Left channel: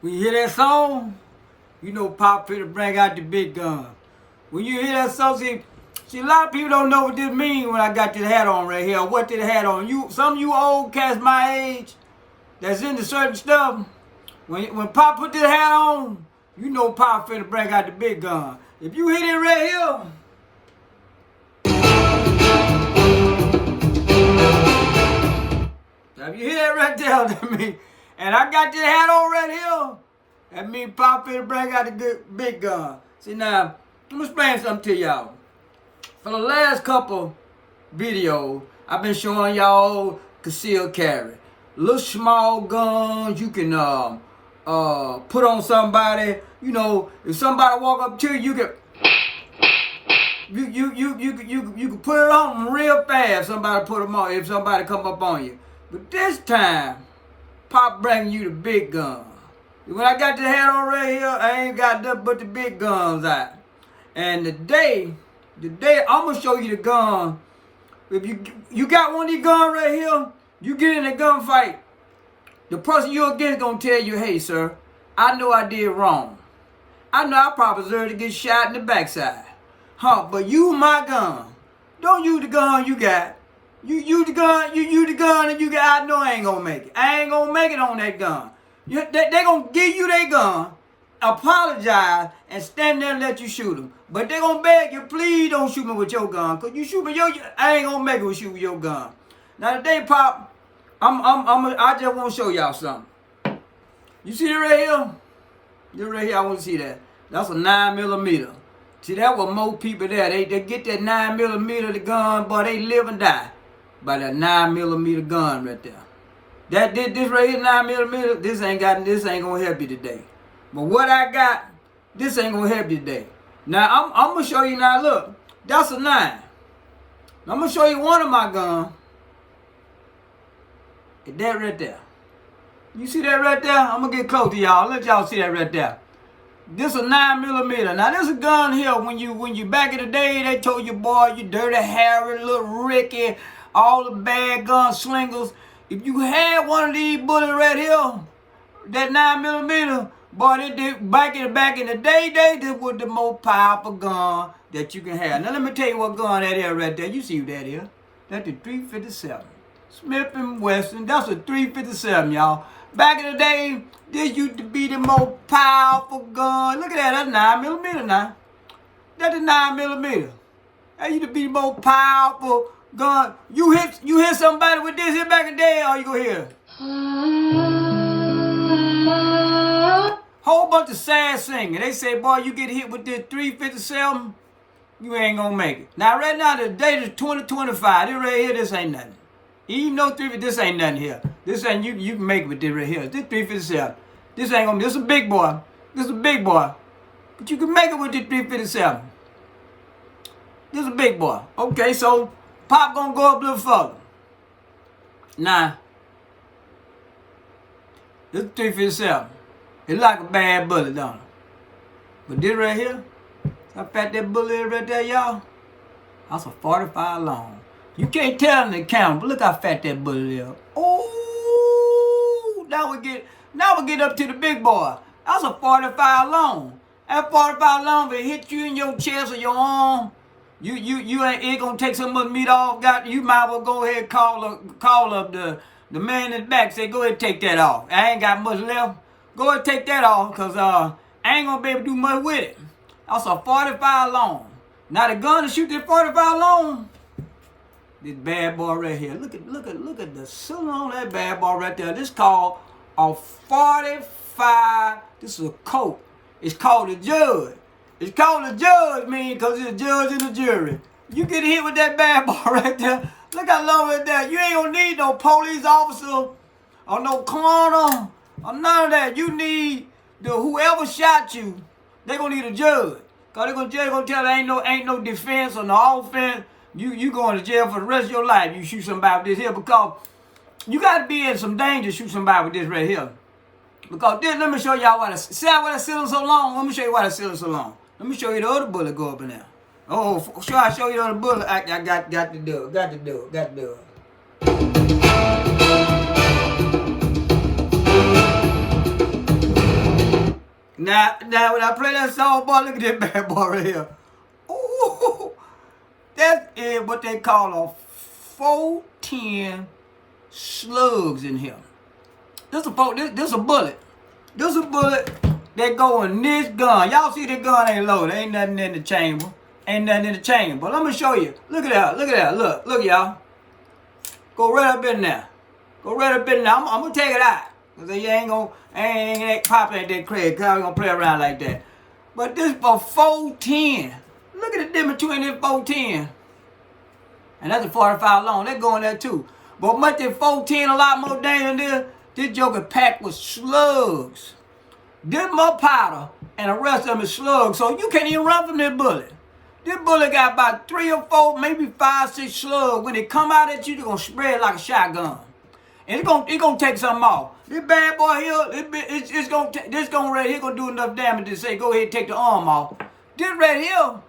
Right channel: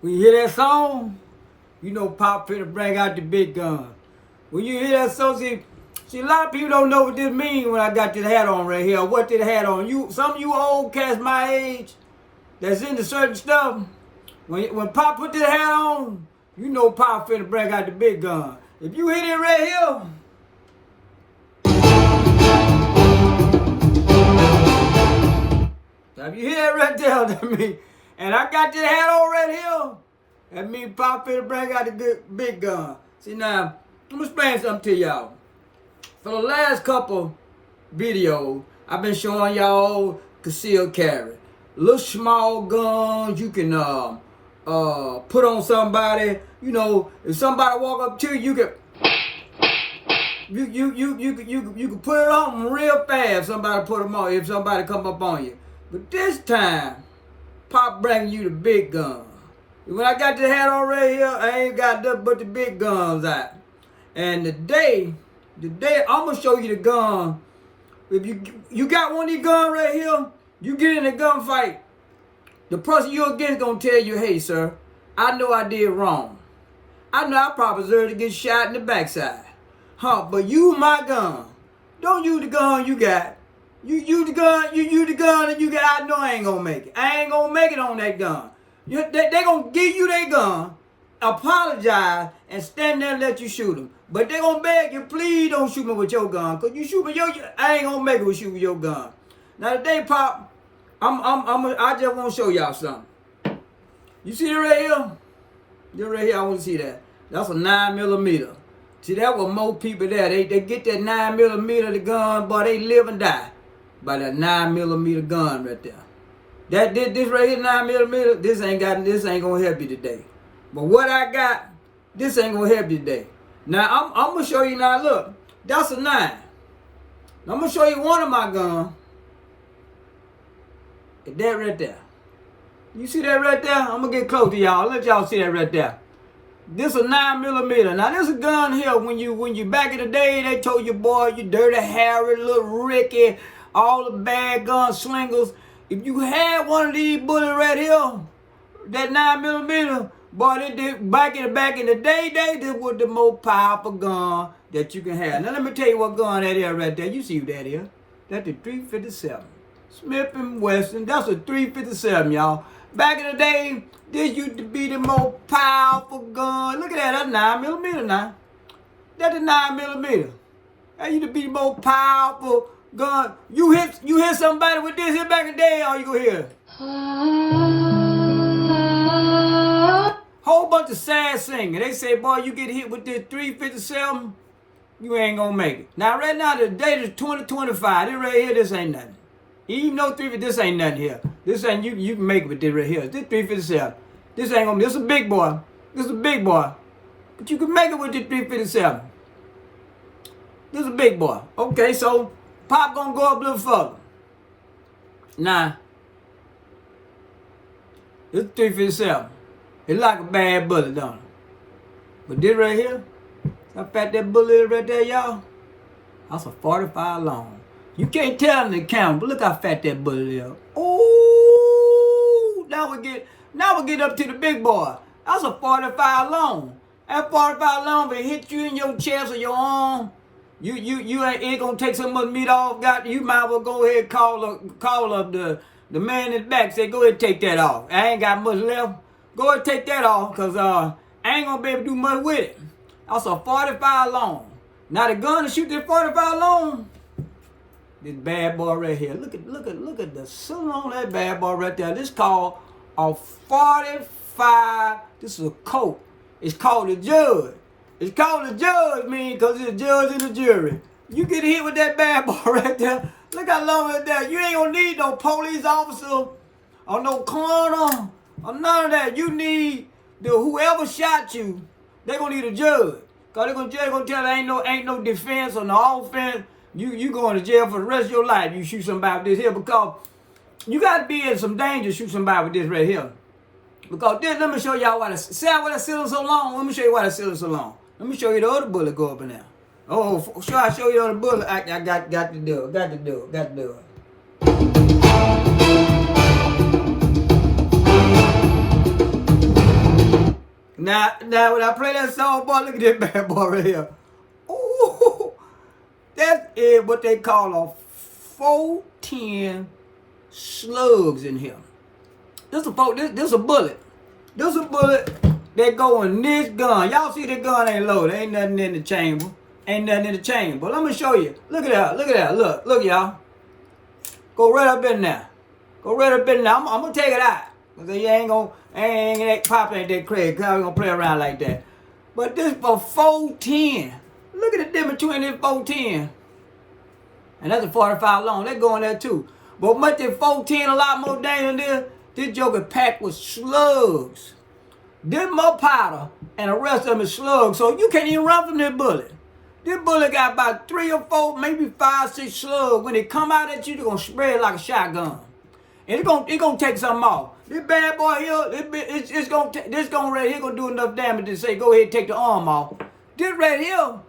When you hear that song, you know Pop finna bring out the big gun. When you hear that song, see, a lot of people don't know what this means when I got this hat on right here. What this hat on? Some of you old cats my age that's into certain stuff. When Pop put this hat on, you know Pop finna bring out the big gun. If you hit it right here, if you hear it right there, that means, and I got this hat on right here, that means Pop finna bring out the big gun. See now, let me explain something to y'all. For the last couple videos, I've been showing y'all concealed carry. Little small guns you can put on somebody. You know, if somebody walk up to you, you can put it on them real fast. Somebody put them on if somebody come up on you. But this time, Pop bringing you the big gun. When I got the hat on right here, I ain't got nothing but the big guns out. And today I'm gonna show you the gun. If you got one of these guns right here, you get in a gunfight, the person you're against gonna tell you, hey sir, I know I did wrong. I know I probably deserve to get shot in the backside. But use my gun. Don't use the gun you got. You use the gun that you got. I know I ain't gonna make it. I ain't gonna make it on that gun. They gonna give you their gun, apologize, and stand there and let you shoot them. But they gonna beg you, please don't shoot me with your gun. Cause you shoot me I ain't gonna make it with shoot with your gun. Now today, Pop, I just wanna show y'all something. You see that right here? This right here, I want to see that. That's a 9mm. See, that was most people there. They get that 9mm the gun, but they live and die by that 9mm gun right there. This right here 9mm. This ain't gonna help you today. But what I got, this ain't gonna help you today. Now I'm gonna show you now. Look, that's a 9. Now, I'm gonna show you one of my guns. That right there. You see that right there? I'm gonna get close to y'all. Let y'all see that right there. This a 9mm. Now this a gun here. When you back in the day, they told you, boy, you dirty Harry, little Ricky, all the bad gunslingers. If you had one of these bullets right here, that 9mm, boy, they did back in the day, this was the most powerful gun that you can have. Now let me tell you what gun that is right there. You see what that is? That's the 357. Smith & Wesson. That's a 357, y'all. Back in the day, this used to be the most powerful gun. Look at that, that's 9mm now. That's a 9mm. That used to be the most powerful gun. You hit somebody with this here back in the day, all you gonna hear. Whole bunch of sad singing. They say, boy, you get hit with this 357, you ain't gonna make it. Now, right now, the date is 2025. This right here, this ain't nothing. Even though this ain't nothing here. This ain't, you can make it with this right here. This 357. This ain't gonna be, this is a big boy. This is a big boy. But you can make it with this 357. This is a big boy. Okay, so Pop gonna go up a little further. Now, this is 357. It's like a bad bullet, don't it? But this right here, how fat that bullet is right there, y'all? That's a 45 long. You can't tell in the camera, but look how fat that bullet is. Oh, now we get up to the big boy. That's a 45 long. That 45 long, if it hit you in your chest or your arm, you ain't gonna take so much meat off. You might well go ahead and call up the man in the back. Say, go ahead and take that off. I ain't got much left. Go ahead and take that off, cause I ain't gonna be able to do much with it. That's a 45 long. Now the gun to shoot that 45 long. This bad boy right here. Look at the cylinder on that bad boy right there. This called a 45. This is a coat. It's called a judge. It's called a judge, man, because it's a judge and a jury. You get hit with that bad boy right there. Look how long it's there. You ain't gonna need no police officer or no coroner or none of that. You need whoever shot you. They gonna need a judge. Cause they're gonna tell ain't no defense or no offense. You going to jail for the rest of your life. You shoot somebody with this here, because you got to be in some danger to shoot somebody with this right here. Because this, let me show y'all why see why that cylinder so long. Let me show you why that cylinder so long. Let me show you the other bullet go up in there. Oh, sure, I show you the other bullet. I got to do it. Now when I play that song, boy, look at this bad boy right here. Ooh, that is what they call a 410 slugs in here. This a bullet. This a bullet that go in this gun. Y'all see this gun ain't loaded. Ain't nothing in the chamber. Ain't nothing in the chamber. But let me show you. Look at that. Look at that. Look, y'all. Go right up in there. Go right up in there. I'm gonna take it out. Cause you ain't Pop ain't that crazy. Cause I'm gonna play around like that. But this for 410. Look at the difference between this 410. And that's a 45 long. That go in there too. But much this 410 a lot more dangerous than this joker packed with slugs. This more powder and the rest of them is slugs. So you can't even run from this bullet. This bullet got about 3 or 4, maybe 5, 6 slugs. When it come out at you, they're gonna spread like a shotgun. And it's gonna take something off. This bad boy here, this gonna right here gonna do enough damage to say go ahead and take the arm off. This right here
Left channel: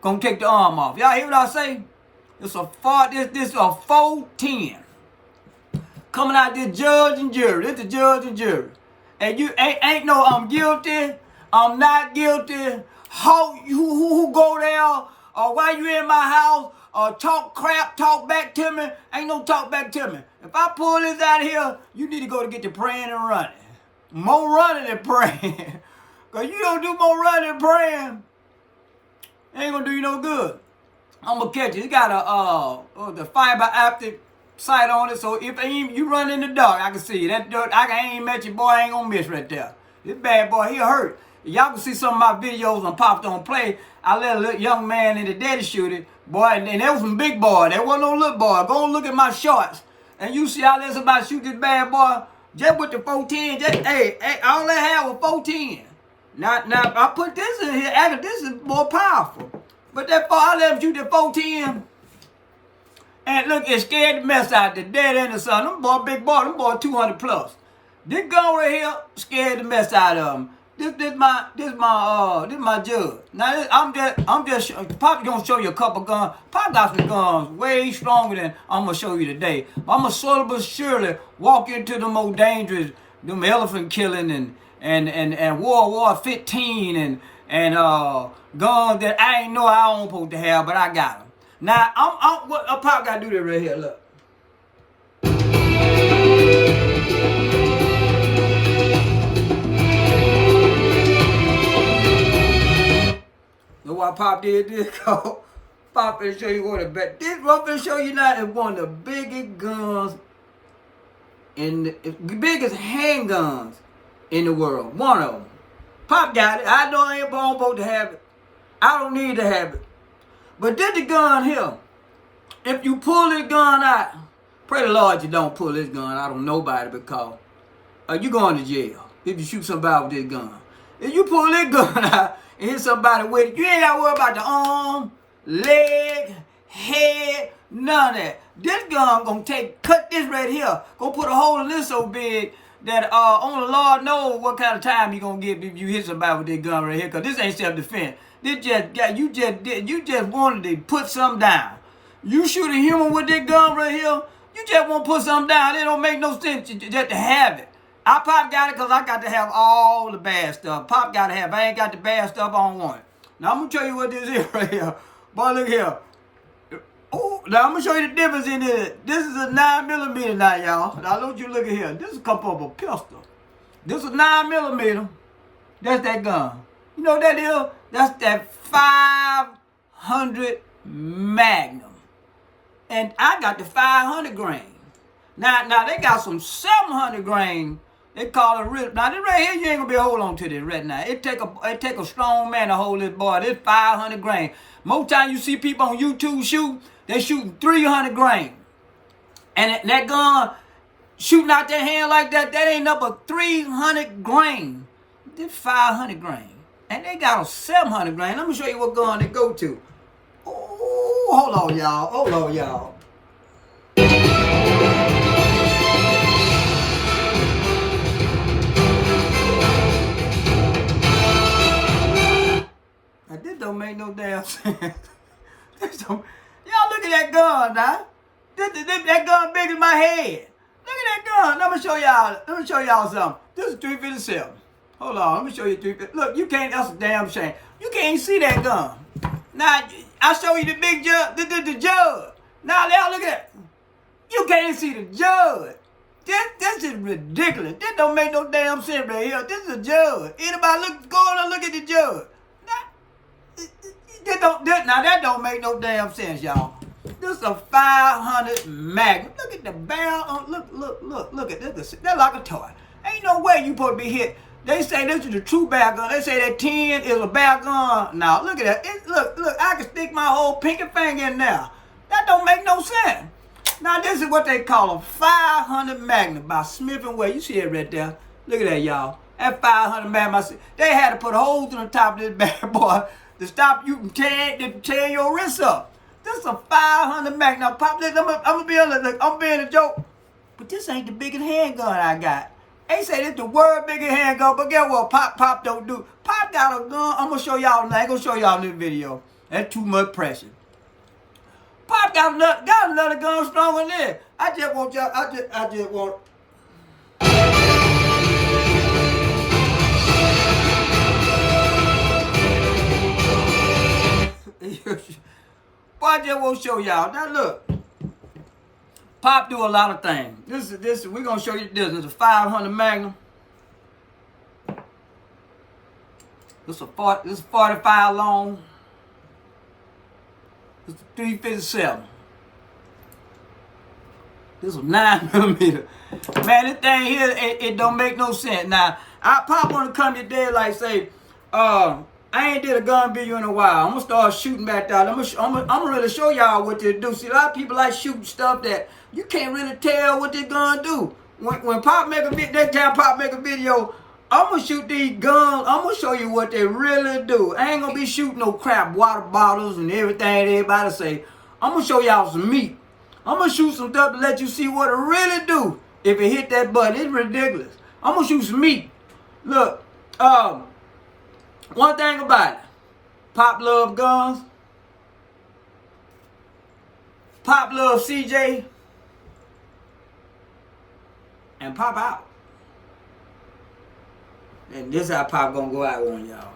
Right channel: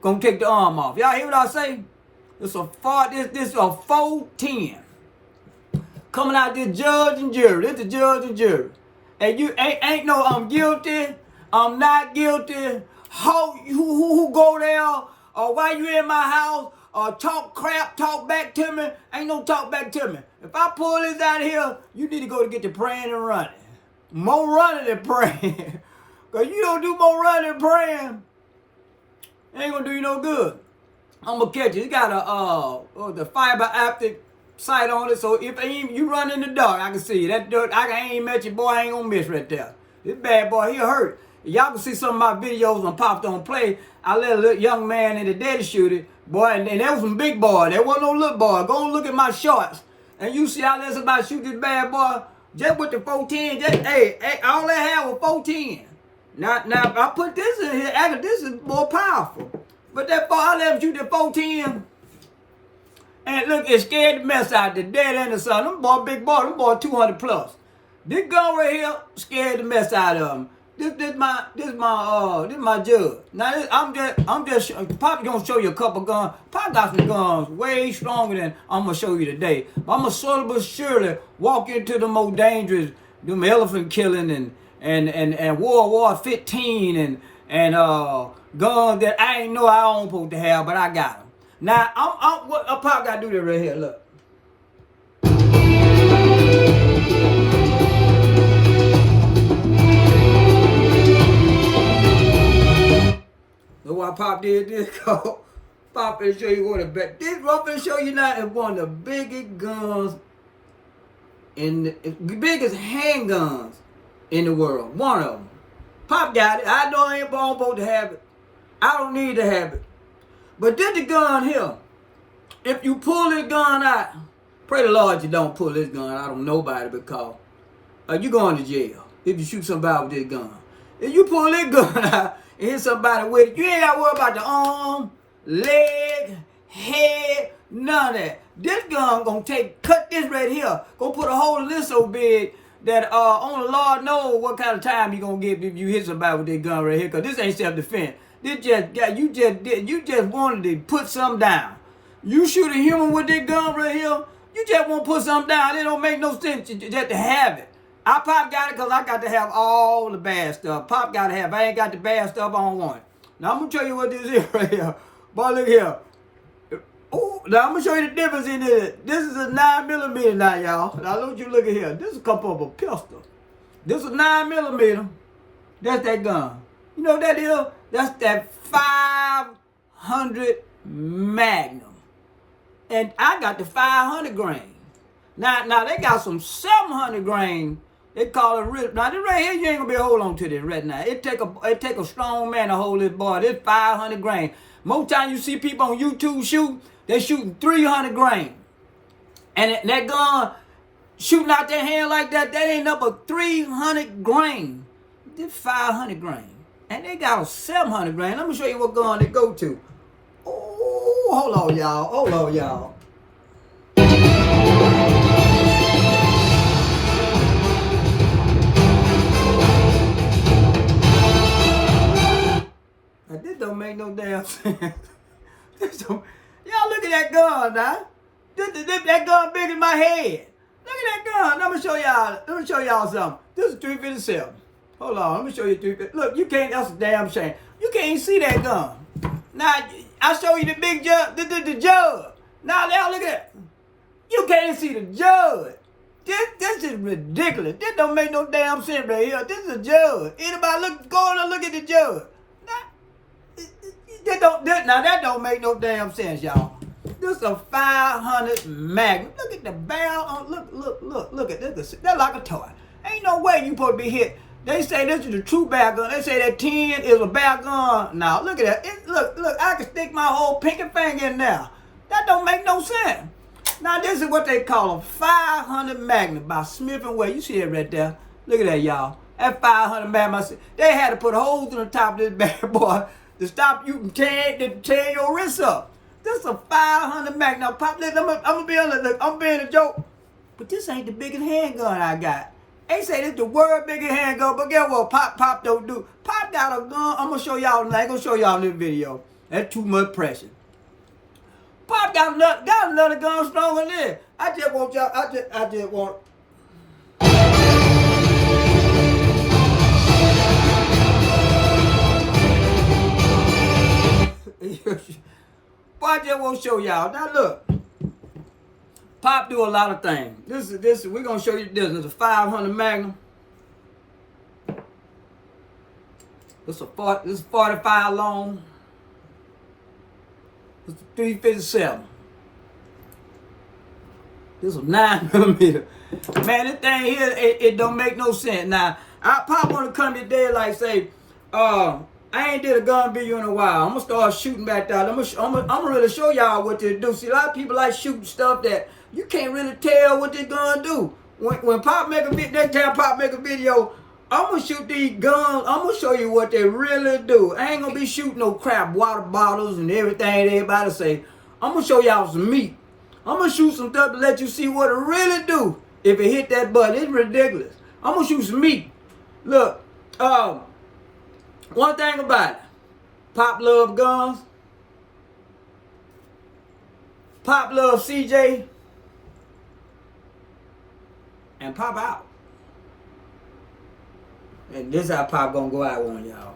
gonna take the arm off. Y'all hear what I say? This a 410. Coming out this judge and jury. This the judge and jury. And you ain't no I'm guilty, I'm not guilty. Who go there? Or why you in my house? Or talk crap, talk back to me. Ain't no talk back to me. If I pull this out here, you need to go to get to praying and running. More running than praying. Because you don't do more running than praying, it ain't going to do you no good. I'm going to catch you. It got the fiber optic sight on it. So if you run in the dark, I can see you. That dirt, I ain't met you, boy, I ain't going to miss right there. This bad boy, he hurt. Y'all can see some of my videos on Pops Don't Play. I let a little young man in the daddy shoot it. Boy, and there was some big boy. There wasn't no little boy. Go and look at my shorts. And you see how there's somebody shoot this bad boy. Just with the 410. Hey, all they had was 410. Now I put this in here. Actually, this is more powerful. But I let him shoot the 410. And look, it scared the mess out of the dad and the son. Them boy, big boy, them boy 200 plus. This gun right here scared the mess out of them. This my judge. Now I'm just Pop gonna show you a couple guns. Pop got some guns way stronger than I'm gonna show you today. But I'm gonna slowly but surely walk into the more dangerous, them elephant killing and World War 15 and guns that I ain't know I don't supposed to have, but I got them. Now Pop gotta do that right here. Look. Look why Pop did this. Pop will show you what it bet. This what will show you now is one of the biggest guns the biggest handguns in the world. One of them. Pop got it. I know I ain't supposed to have it. I don't need to have it. But this the gun here. If you pull this gun out, pray the Lord you don't pull this gun out on nobody because you going to jail if you shoot somebody with this gun. If you pull this gun out and hit somebody with it, you ain't got to worry about the arm, leg, head, none of that. This gun gonna cut this right here, gonna put a hole in this so big that only the Lord knows what kind of time you gonna get if you hit somebody with this gun right here, cause this ain't self-defense. This you just wanted to put something down. You shoot a human with this gun right here, you just want to put something down. It don't make no sense just to have it. I Pop got it because I got to have all the bad stuff. Pop got to have. If I ain't got the bad stuff, I don't want it. Now, I'm going to show you what this is right here. Boy, look here. Oh, now, I'm going to show you the difference in it. This is a 9mm now, y'all. Now, don't you look at here. This is a couple of a pistol. This is 9mm. That's that gun. You know what that is? That's that 500 Magnum. And I got the 500 grain. Now they got some 700 grain. They call it real. Now this right here, you ain't gonna be able to hold on to this right now. It take a strong man to hold this boy. This 500 grain. Most time you see people on YouTube shoot, they shooting 300 grain. And that gun shooting out their hand like that ain't up but 300 grain. This 500 grain. And they got a 700 grain. Let me show you what gun they go to. Oh, hold on, y'all. Hold on, y'all. Now, this don't make no damn sense. Y'all look at that gun, now. That gun big as my head. Look at that gun. Let me show y'all something. This is 357. Hold on, let me show you 350. Look, you can't, that's a damn shame. You can't even see that gun. Now, I'll show you the big judge, the judge. Now, look at that. You can't see the judge. This is ridiculous. This don't make no damn sense right here. This is a judge. Anybody go and look at the judge. Now that don't make no damn sense, y'all. This is a 500 Magnum. Look at the barrel. Look at this. That's like a toy. Ain't no way you supposed to be hit. They say this is a true bear gun. They say that 10 is a bear gun. Now look at that. Look. I can stick my whole pinky finger in there. That don't make no sense. Now this is what they call a 500 Magnum by Smith & Wesson. You see it right there. Look at that, y'all. That 500 Magnum. They had to put holes in the top of this bad boy to stop you from tearing your wrist up. This is a 500 Magnum. Now, Pop, listen, I'm being a joke. But this ain't the biggest handgun I got. They say this the world biggest handgun, but guess what? Pop don't do. Pop got a gun. I'm gonna show y'all. I ain't gonna show y'all in this video. That's too much pressure. Pop got another gun stronger than this. I just want y'all. I just want. I just want to show y'all. Now look, Pop do a lot of things. This we're gonna show you this. It's a 500 Magnum. This is 45 long. This is 357. This is a 9mm. Man, this thing here, it don't make no sense. Now, Pop want to come today like say, I ain't did a gun video in a while. I'm gonna start shooting back there. I'm gonna really show y'all what to do. See, a lot of people like shooting stuff that you can't really tell what this gun do. When Pop make a video, next time Pop make a video, I'm gonna shoot these guns. I'm gonna show you what they really do. I ain't gonna be shooting no crap water bottles and everything everybody say. I'm gonna show y'all some meat. I'm gonna shoot some stuff to let you see what it really do. If it hit that button, it's ridiculous. I'm gonna shoot some meat. Look, one thing about it, Pop love guns. Pop love CJ. And Pop out. And this is how Pop gonna go out on y'all.